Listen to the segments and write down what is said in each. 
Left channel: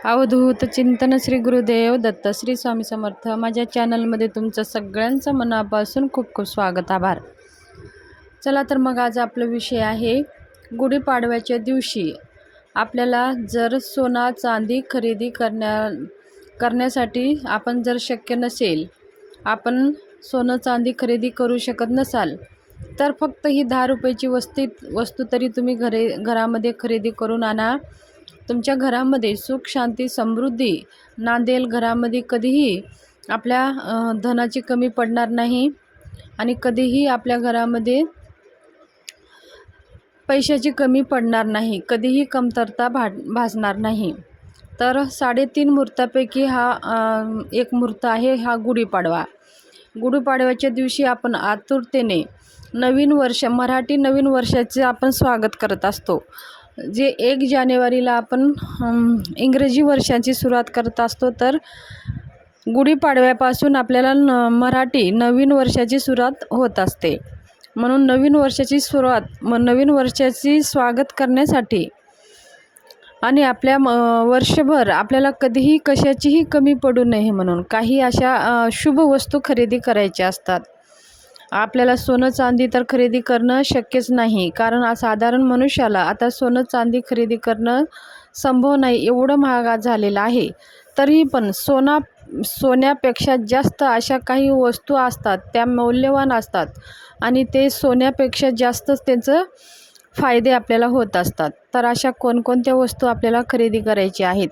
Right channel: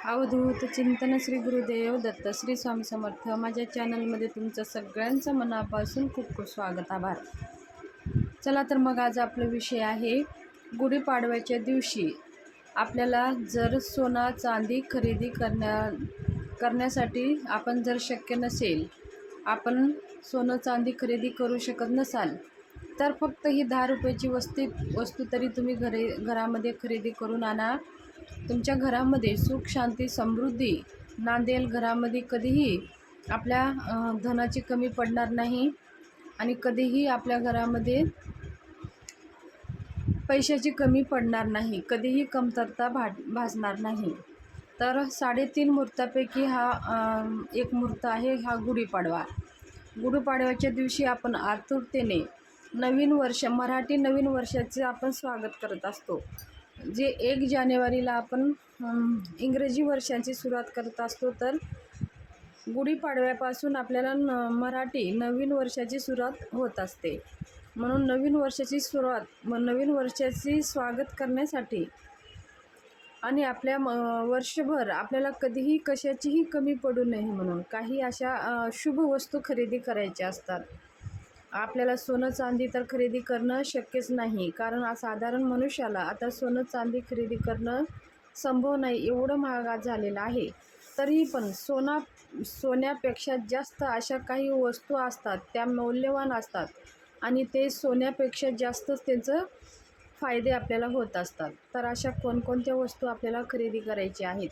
अवधूत चिंतन श्री गुरुदेव दत्त श्री स्वामी समर्थ। माझ्या चॅनलमध्ये तुमचं सगळ्यांचं मनापासून खूप खूप स्वागत, आभार। चला तर मग आज आपला विषय आहे गुढीपाडव्याच्या दिवशी आपल्याला जर सोना चांदी खरेदी करण्यासाठी आपण जर शक्य नसेल, आपण सोनं चांदी खरेदी करू शकत नसाल, तर फक्त ही 10 रुपयाची वस्तू तरी तुम्ही घरामध्ये खरेदी करून आणा। तुमच्या घरामध्ये सुख शांती समृद्धी नांदेल। घरामध्ये कधीही आपल्या धनाची कमी पडणार नाही आणि कधीही आपल्या घरामध्ये पैशाची कमी पडणार नाही, कधीही कमतरता भासणार नाही। तर 3.5 मुहूर्तापैकी हा एक मुहूर्त आहे हा गुढीपाडवा। गुढीपाडव्याच्या दिवशी आपण आतुरतेने नवीन वर्ष, मराठी नवीन वर्षाचे आपण स्वागत करत असतो। जे 1 जानेवारीला आपण इंग्रजी वर्षाची सुरुवात करत असतो, तर गुढीपाडव्यापासून आपल्याला मराठी नवीन वर्षाची सुरुवात होत असते। म्हणून नवीन वर्षाची स्वागत करण्यासाठी आणि आपल्या वर्षभर आपल्याला कधीही कशाचीही कमी पडू नये म्हणून काही अशा शुभ वस्तू खरेदी करायच्या असतात। आपल्याला सोनं चांदी तर खरेदी करणं शक्यच नाही, कारण साधारण मनुष्याला आता सोनं चांदी खरेदी करणं संभव नाही, एवढं महाग झालेलं आहे। तरीही पण सोन्यापेक्षा जास्त अशा काही वस्तू असतात, त्या मौल्यवान असतात आणि ते सोन्यापेक्षा जास्तच त्यांचं फायदे आपल्याला होत असतात। तर अशा कोणकोणत्या वस्तू आपल्याला खरेदी करायची आहेत?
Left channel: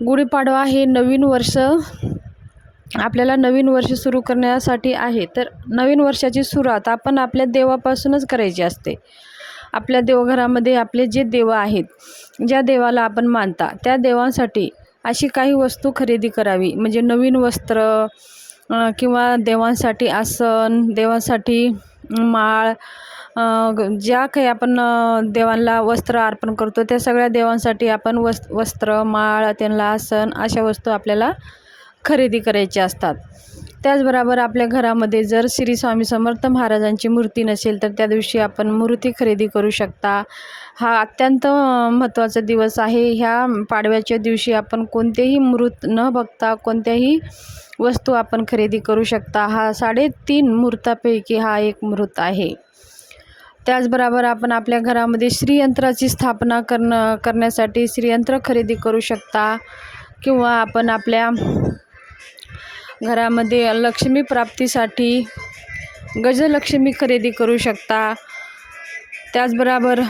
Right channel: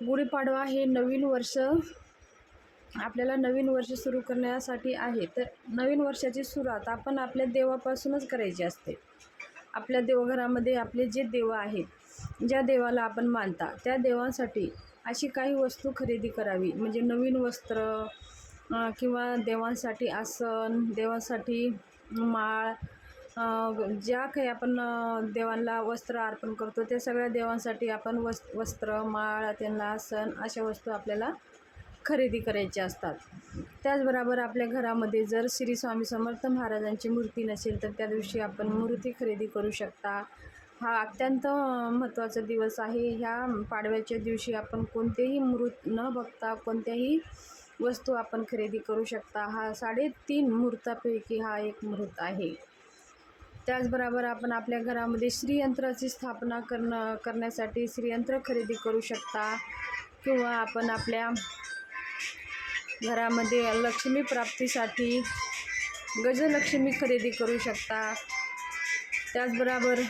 गुढीपाडवा हे नवीन वर्ष, आपल्याला नवीन वर्ष सुरू करण्यासाठी आहे। तर नवीन वर्षाची सुरुवात आपण आपल्या देवापासूनच करायची असते। आपल्या देवघरामध्ये आपले जे देव आहेत, ज्या देवाला आपण मानता, त्या देवांसाठी अशी काही वस्तू खरेदी करावी। म्हणजे नवीन वस्त्र किंवा देवांसाठी आसन, देवांसाठी माळ, ज्या काही आपण देवांना वस्त्र अर्पण करतो, त्या सगळ्या देवांसाठी आपण वस्त्र, माळ, त्यांना आसन, अशा वस्तू आपल्याला खरेदी करायची असतात। त्याचबरोबर आपल्या घरामध्ये जर श्री स्वामी समर्थ महाराजांची मूर्ती नसेल, तर त्या दिवशी आपण मूर्ती खरेदी करू शकता। हा अत्यंत महत्त्वाचा दिवस आहे। ह्या पाडव्याच्या दिवशी आपण कोणतेही मुहूर्त न बघता कोणत्याही वस्तू आपण खरेदी करू शकता। हा 3.5 मुहूर्तापैकी हा एक मुहूर्त आहे। त्याचबरोबर आपण आपल्या घरामध्ये श्रीयंत्राची स्थापना करण्यासाठी श्रीयंत्र खरेदी करू शकता, किंवा आपण आपल्या घरामध्ये लक्ष्मी प्राप्तीसाठी गजलक्ष्मी खरेदी करू शकता। त्याचबरोबर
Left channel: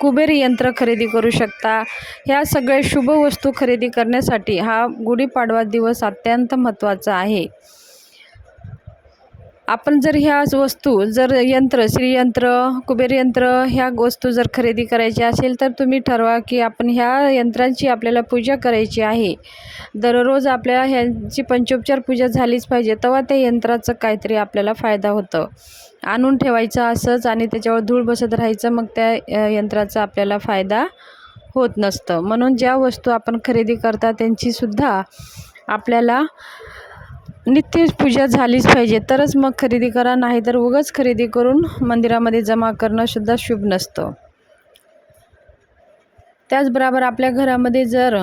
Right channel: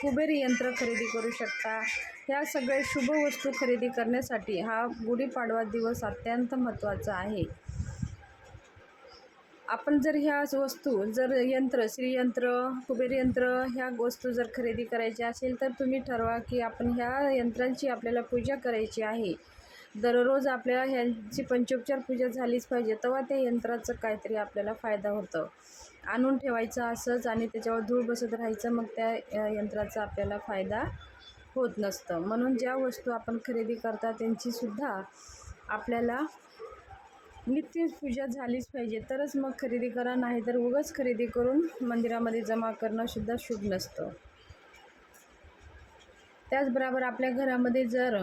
कुबेर यंत्र खरेदी करू शकता। ह्या सगळ्या शुभ वस्तू खरेदी करण्यासाठी हा गुढीपाडवा दिवस अत्यंत महत्त्वाचा आहे। आपण जर ह्या वस्तू, जर श्रीयंत्र, कुबेर यंत्र ह्या वस्तू जर खरेदी करायच्या असेल, तर तुम्ही ठरवा की आपण ह्या यंत्रांची आपल्याला पूजा करायची आहे। दररोज आपल्या ह्यांची पंचोपचार पूजा झालीच पाहिजे, तेव्हा त्या यंत्राचं काहीतरी आपल्याला फायदा होतं। आणून ठेवायचं असंच आणि त्याच्यावर धूळ बसत राहायचं, मग त्या यंत्राचा आपल्याला फायदा होत नसतं। म्हणून ज्या वस्तू आपण खरेदी करता त्यांचीसुद्धा आपल्याला नित्य पूजा झालीच पाहिजे, तरच मग खरेदी करा, नाहीतर उगाच खरेदी करून मंदिरामध्ये जमा करणं सुद्धा शुभ नसतं। त्याचबरोबर आपल्या घरामध्ये जर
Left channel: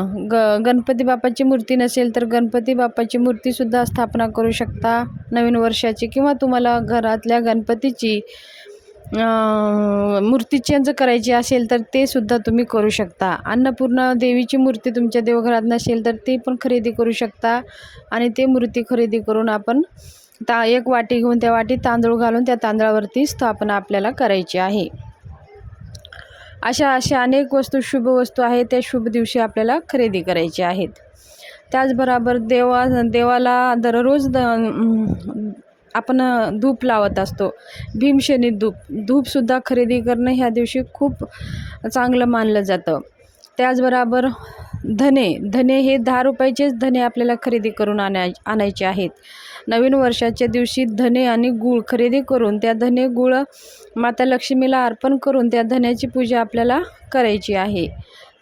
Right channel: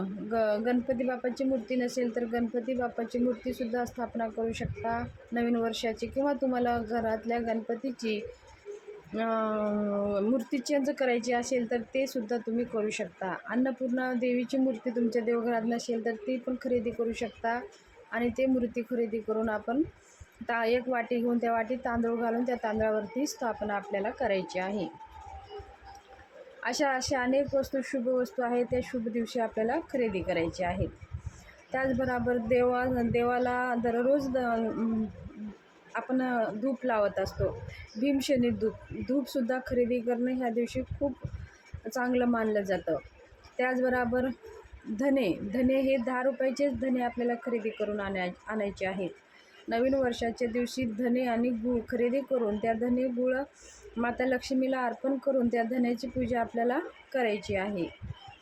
गणपती बाप्पाची मूर्ती नसेल, तर गणपती बाप्पाची मूर्तीसुद्धा स्थापना करू शकता नवीन वर्षाची, किंवा तुम्हाला घरातल्या गणपतीची मूर्ती चेंज करायची असेल, तर ते सुद्धा तुम्ही करू शकता। अन्नपूर्णा देवीची मूर्ती तुमच्या देवघरात नसेल, तर ती पण खरेदी करू शकता आणि ते मूर्ती खरेदी करून आपण एक वाटी घेऊन त्या वाटीत तांदूळ घालून त्या तांदळावरती स्थापना आपल्याला करायची आहे। अशा अनेक वस्तू, शुभ वस्तू आहेत, त्या शुभ दिवशी आपल्याला खरेदी करायची आहेत। त्याचबरोबर देवाला दररोज आपण धूप लावत असतो, भीमशनी धूपसुद्धा खरेदी करणं ह्या दिवशी खूप चांगलं मानलं जातं। त्याचबरोबर धने हे 10 रुपयाचेच धने आपल्याला खरेदी करून आणायचे आहेत। नवीन वर्षाच्या दिवशी धने आणि गूळ खरेदी करून त्या धने गूळ माता लक्ष्मीला अर्पण करून त्या धन्याची पूजा आपल्याला करायची आहे।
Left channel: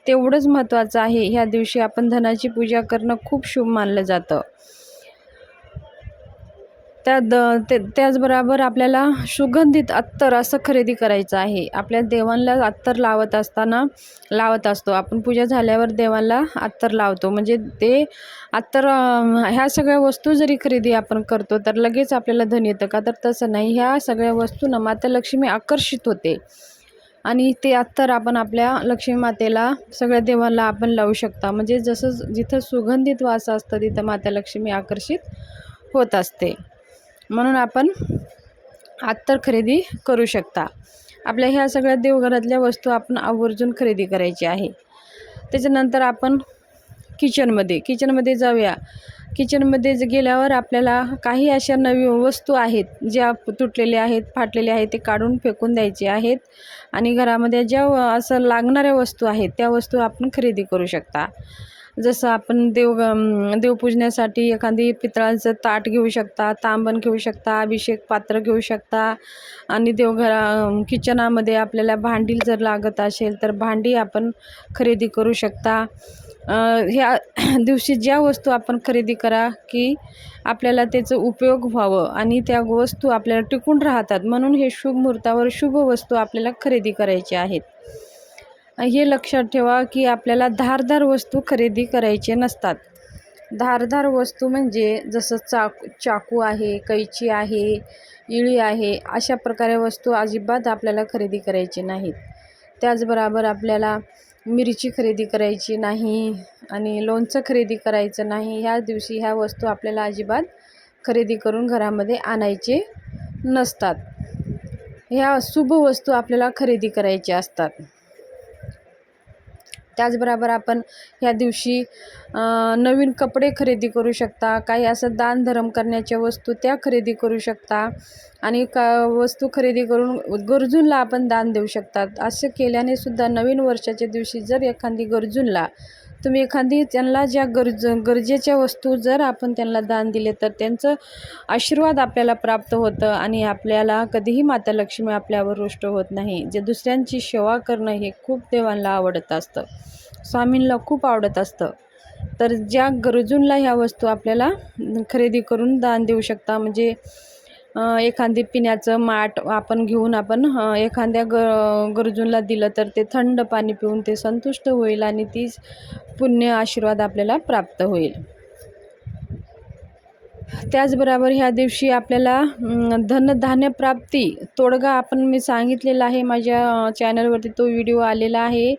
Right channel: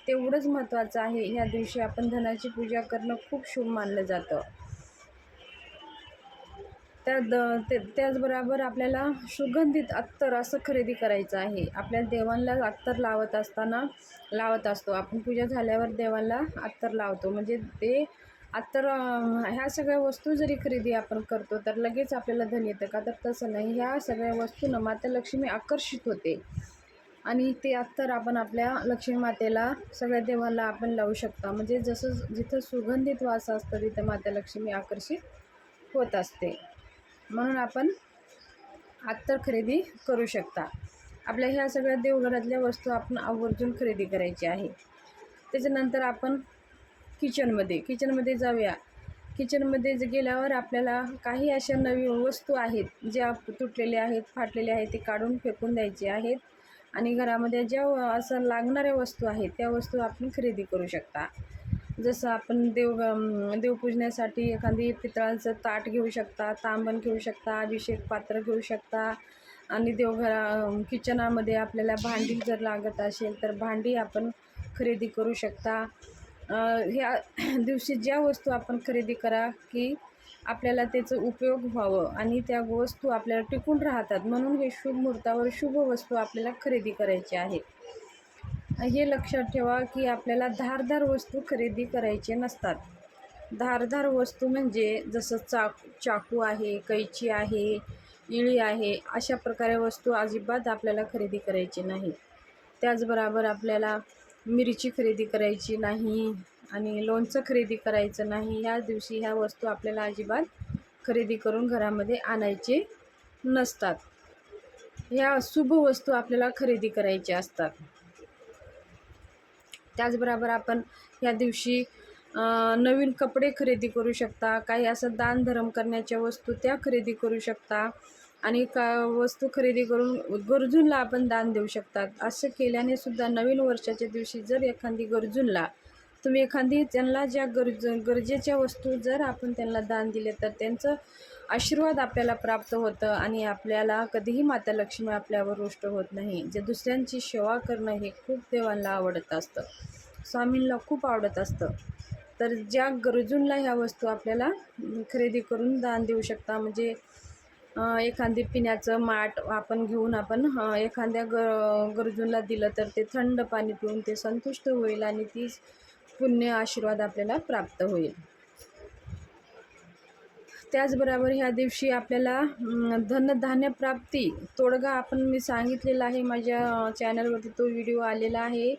तेवढंच महत्त्वाचं आहे। ह्या दिवशी आपण धनाची पूजा करणं खूप शुभ मानलं जातं। त्याचबरोबर आपल्याला सुगंधित अत्तर असं खरेदी करायचं आहे. आपल्या देवांना अत्तर लावत असतो आपण. पूजा झाल्यावर देवाला अत्तर लावतो. म्हणजे ते अत्तर ह्या सगळ्या वस्तू जरी खरेदी आपण करतो तर लगेच आपल्याला धन येतं का? तर तसं नाही. ह्या सगळ्या वस्तूंना माता लक्ष्मी आकर्षित होते आणि ते अत्तर आपण आपल्या लक्ष्मी मातेला, सगळ्या देवांना आपण लावू शकता. म्हणजे जसं जिथं सुगंधित वास असतं तिथं माता लक्ष्मी आकर्षित होत असते. म्हणून आपण अत्तर खरेदी करू शकता. आपल्या ह्या सगळ्या देवघरातल्या वस्तू आपण आवर्जून खरेदी करायची आहे. त्याच्यानंतर आपण किचनमध्ये जाऊया. किचनमध्ये गेल्यावर आपल्याला काही अशा नवीन वस्तू आहेत ज्या तुटलेल्या आहेत, फाटलेल्या आहेत, ते काढून फेकून द्यायचे आहेत आणि घरामध्ये ज्या असं लागणाऱ्या वस्तू आहेत त्या वस्तू आपण खरेदी करू शकता. जसं आपण देवपूजण्यासाठी एखादी पितळाचं ताट घेऊ शकता, तांबण घेऊ शकता, अभिषेक पात्र घेऊ शकता आणि किचनामध्ये आपल्याला भांडी जर लागत असेल तर भांडी आपण खरेदी करू शकता. ह्या दिवशी ज्या वस्तू आपण खरेदी करा की आपल्याला त्याचं उपयोग व्हावं आणि त्या वस्तू आपल्याला टिकून राहतात, म्हणून हे शुभ मुहूर्तावर शुभ वस्तू आपल्याला खरेदी करायची आहेत. हे लक्षात ठेवा की आपल्याला धारदार वस्तू खरेदी करायचे नसतात. धारदार वस्तू म्हणजे जसं चाकू आहे, कैची आहे, इळी आहे, अशा प्रकारे वस्तू अजिबात आपल्याला खरेदी करायची नाहीत. त्याचबरोबर आपल्याला मिरची खरेदी करायची नाही आणि लोणचं खरेदी करायचं नाही. ह्या दिवशी ह्या वस्तू आपल्याला अजिबात खरेदी करून घरामध्ये आणायचे नसतात. ह्या शुभ वस्तू आपल्याला खरेदी करायच्या असतात. त्याचबरोबर आपण ह्या दिवशी नवीन कपडे खरेदी करू शकता. काही असं दानधर्म करण्याच्या वस्तू त्या खरेदी करू शकता आणि वस्तू खरेदी करून गरजूंना आपण दान देऊ शकतात. असं केल्याने सुद्धा नवीन वर्षाच्या दिवशी जर एखादी गरजूंना तुम्ही त्यांना ज्या गरजेच्या वस्तू जर आपण त्यांना दान दिले तर त्यांचं आशीर्वाद आपल्याला प्राप्त होतं आणि आपल्याला कधीही माता लक्ष्मी आपल्यावर रुष्ट होत नाही. जे दुसऱ्यांची सेवा करणं हे खूप देवांना आवडत असतं, स्वामींना खूप आवडत असतं. तर ज्या गरजूंना ह्या वस्तू आपल्याला खरेदी करून दान देऊ शकता. म्हणजे एखादी पिण्याचं माठ आपण घेऊन एखाद्या गरजूंना दिलं तर ते थंड पाणी पिऊन ते संतुष्ट होईल आणि तीच पुण्य आशीर्वाद आपल्याला प्राप्त होईल. त्याचबरोबर ह्या दिवशी आपल्याला धनधान्य प्राप्ती तोडगा मी सांगितलेला आहे माझ्या चॅनलवरती, तो व्हिडिओ आलेला आहे.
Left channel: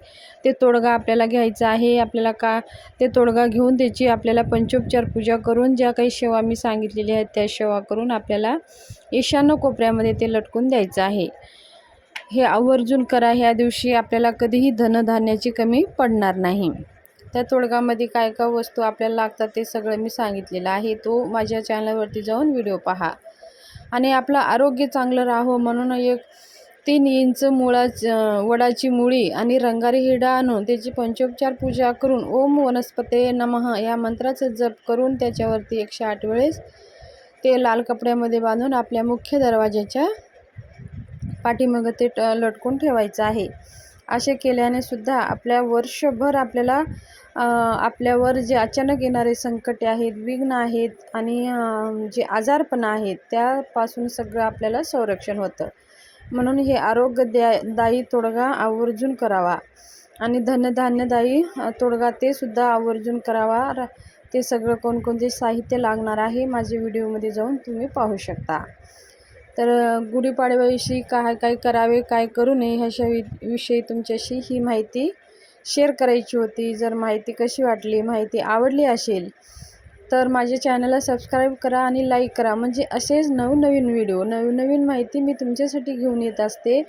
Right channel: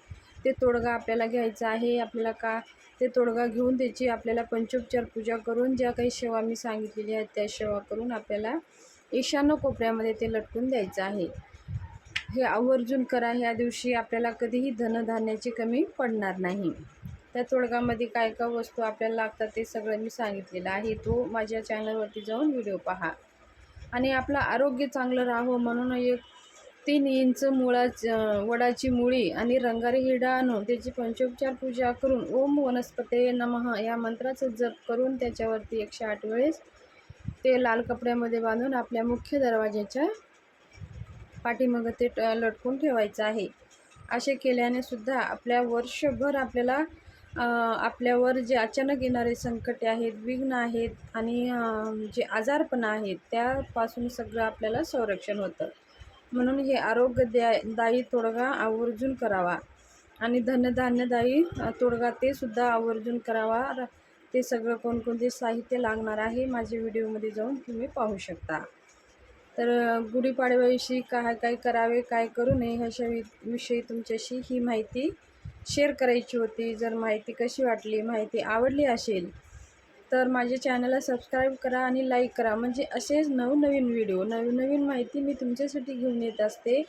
ते तोडगा आपल्याला घ्यायचा आहे. आपल्याला ते तोडगा घेऊन त्याची आपल्याला पंचोपचार पूजा करून ज्या काही सेवा मी सांगितलेल्या आहेत त्या सेवा करून आपल्याला ईशान्य कोपऱ्यामध्ये ते लटकून द्यायचं आहे. हे आवर्जून करा. ह्या दिवशी आपल्याला कधीही धनधान्याची कमी पडणार नाही. त्या तोडगामध्ये काय काय वस्तू आपल्याला लागतात ते सगळं मी सांगितलेलं आहे. तो माझ्या चॅनलवरती जाऊन व्हिडिओ पहा. आणि आपलं आरोग्य चांगलं राहावं म्हणून 3 इंच वडाची मुळी आणि रंगारी हिरडा आणून त्याची पंचोपचार पूजा करून ओम वनस्पते नमः या मंत्राचं जप करून त्याच्यावरती 108 वेळेस ते लाल कपड्यामध्ये बांधून आपल्या मुख्य दरवाजाच्या पाठीमागं ते लटकून ठेवायचं आहे. असे केल्याने सुद्धा आपल्या वर्षभर आपल्यावर जे अचानक येणारे संकटे आहेत, विघ्न आहेत आणि जे आजारपण आहेत त्यापासून सगळं आपल्याला संरक्षण होतं. म्हणून हे आरोग्यदायी तोडगा आवर्जून करावा आणि धनधान्यदायी तोडगा ते सुद्धा आवर्जून करावा. ते सगळं कोणकोणते साहित्य लागणार आहे माझ्या व्हिडिओमध्ये जाऊन तुम्ही पाहू शकता. तर गुढीपाडव्याविषयी काय करावे, काय करू नये ह्याच्या विषयी तुमच्याशी ही माहिती शेअर करायची होती. जर माहिती कशी वाटली, माहिती आवडली असेल तर माझ्या चॅनलला सबस्क्राईब करा आणि लाईक करा. म्हणजे असेच नवनवीन व्हिडिओ, नवनवीन माहिती मी तुमच्यासाठी घेऊन येत असते.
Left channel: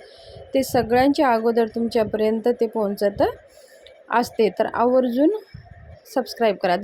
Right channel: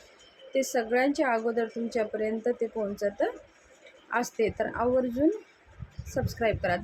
ते सगळ्यांच्या अगोदर तुमच्यापर्यंत ते पोहोचत असते. तर आवर्जून सबस्क्राईब करा.